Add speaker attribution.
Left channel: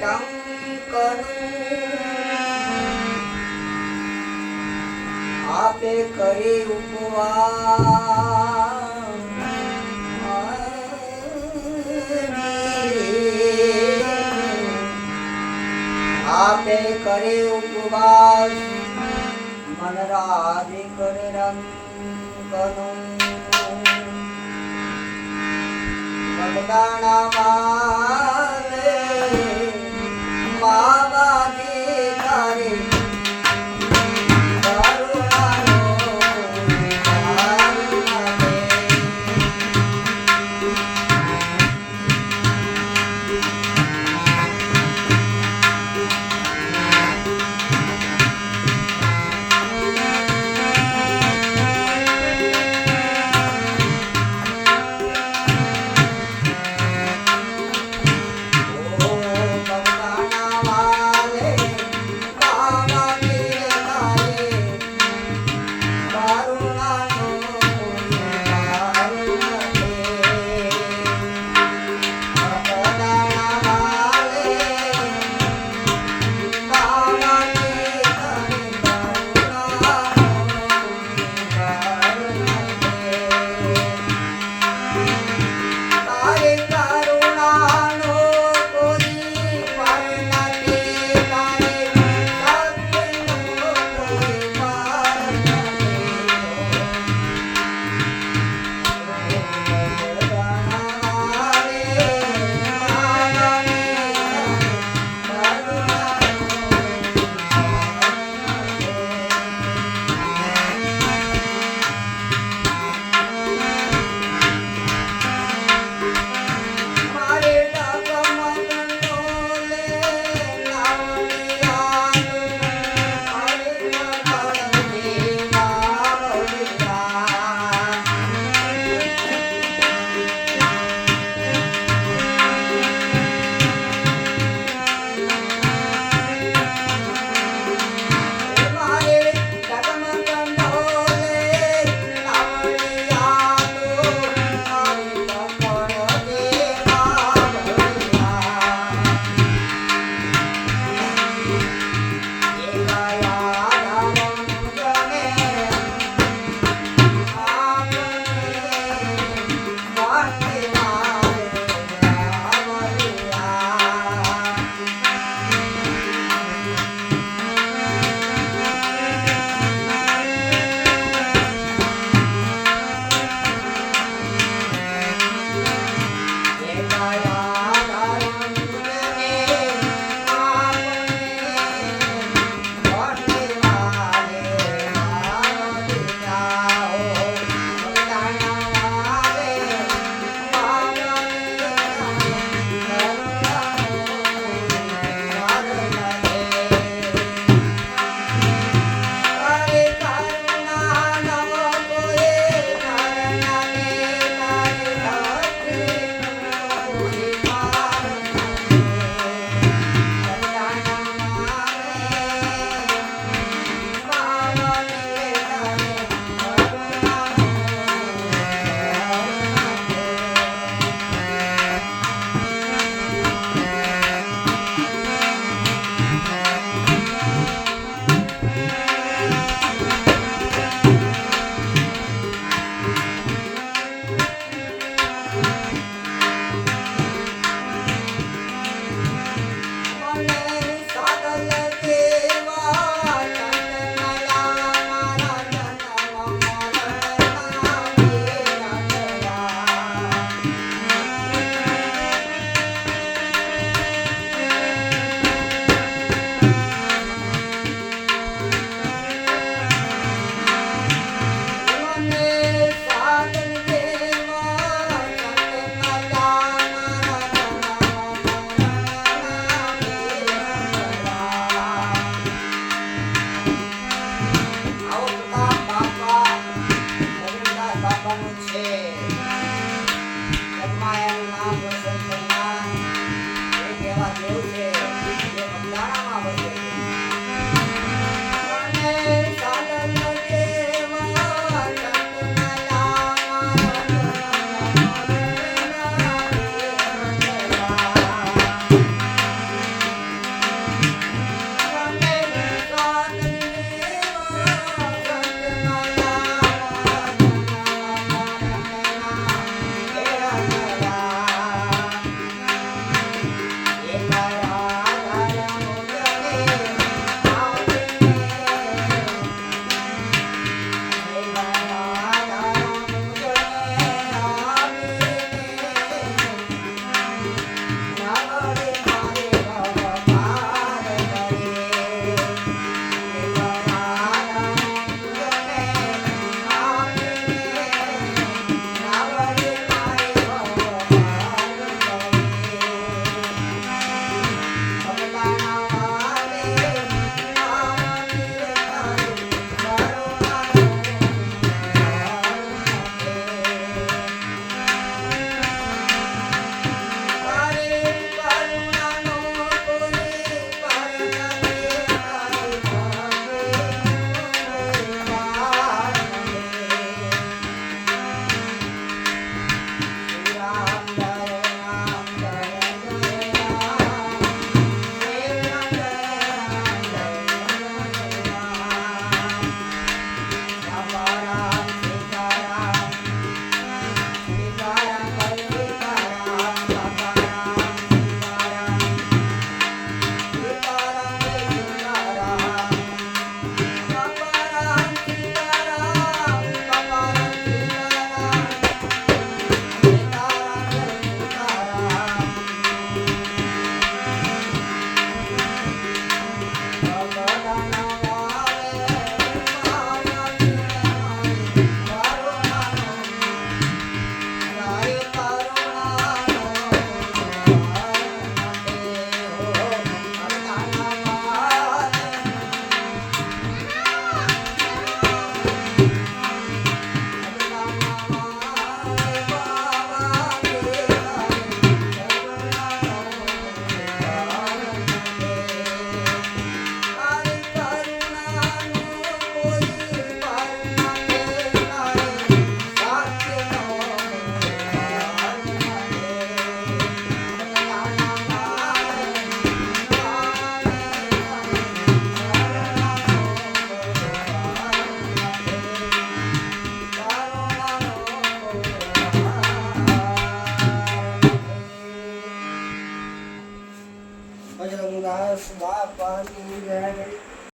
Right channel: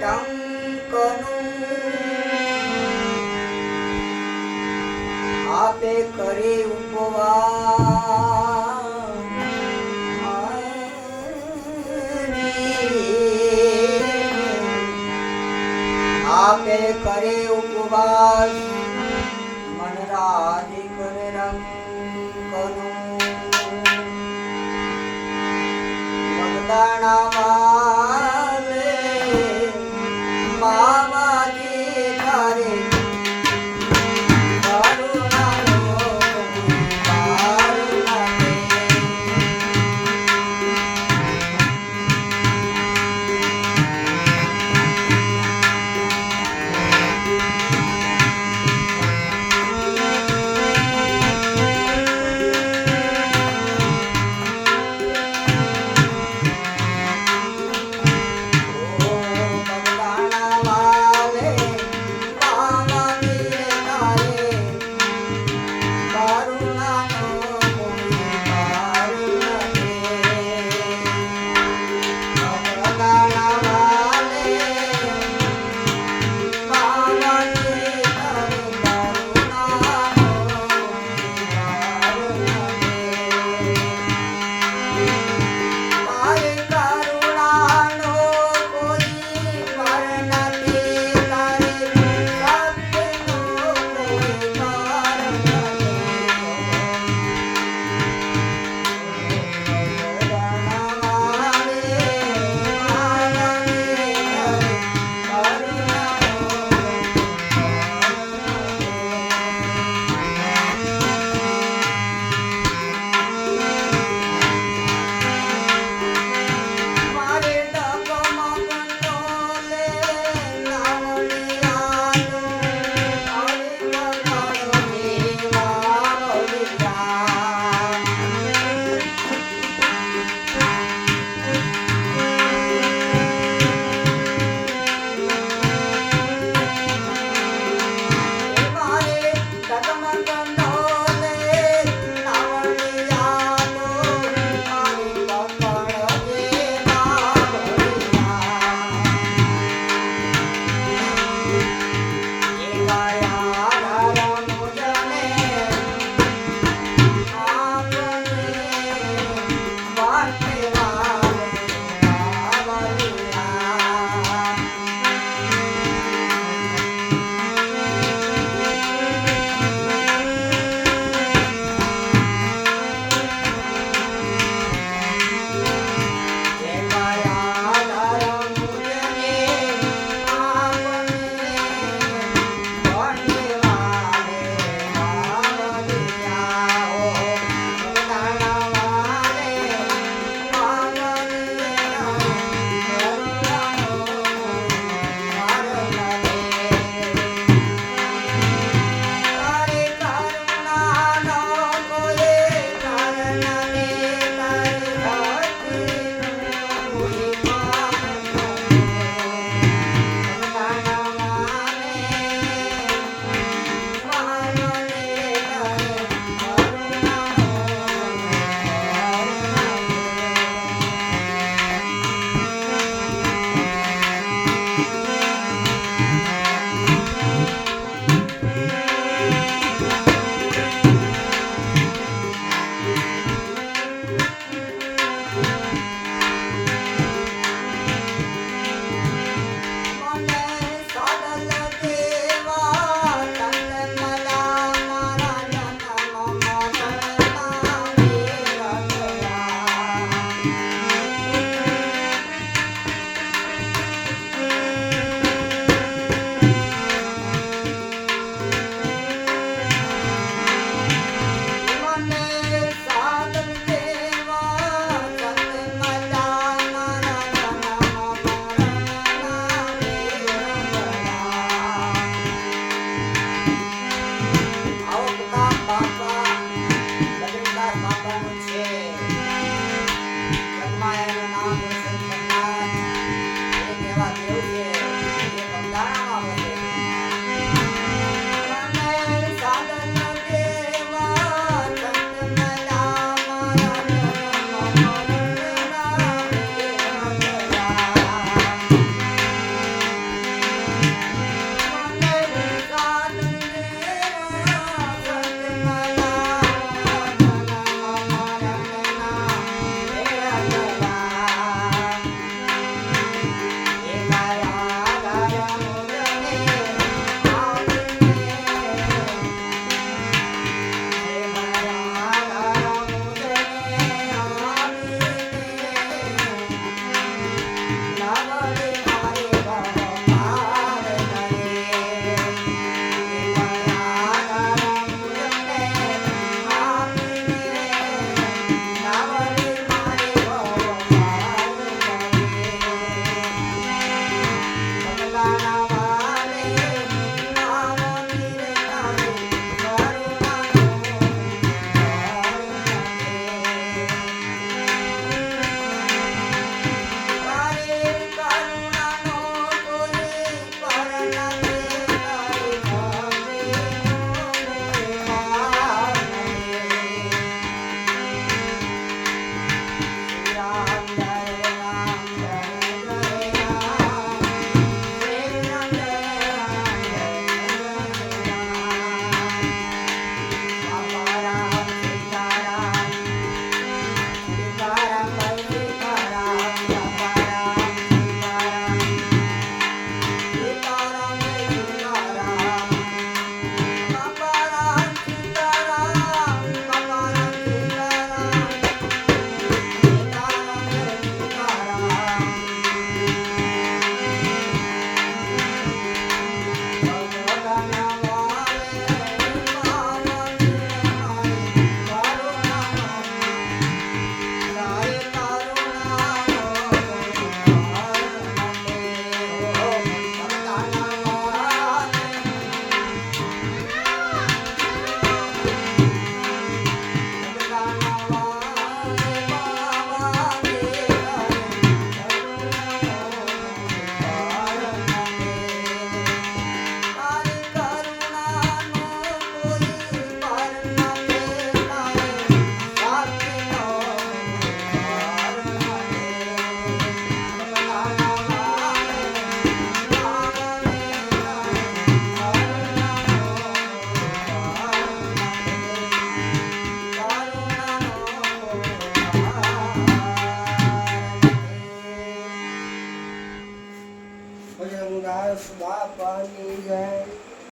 Speaker 1: કટંકનું આપે કરી ઉપવાસ. આપે કરે ઉપવાસ. મન રાજી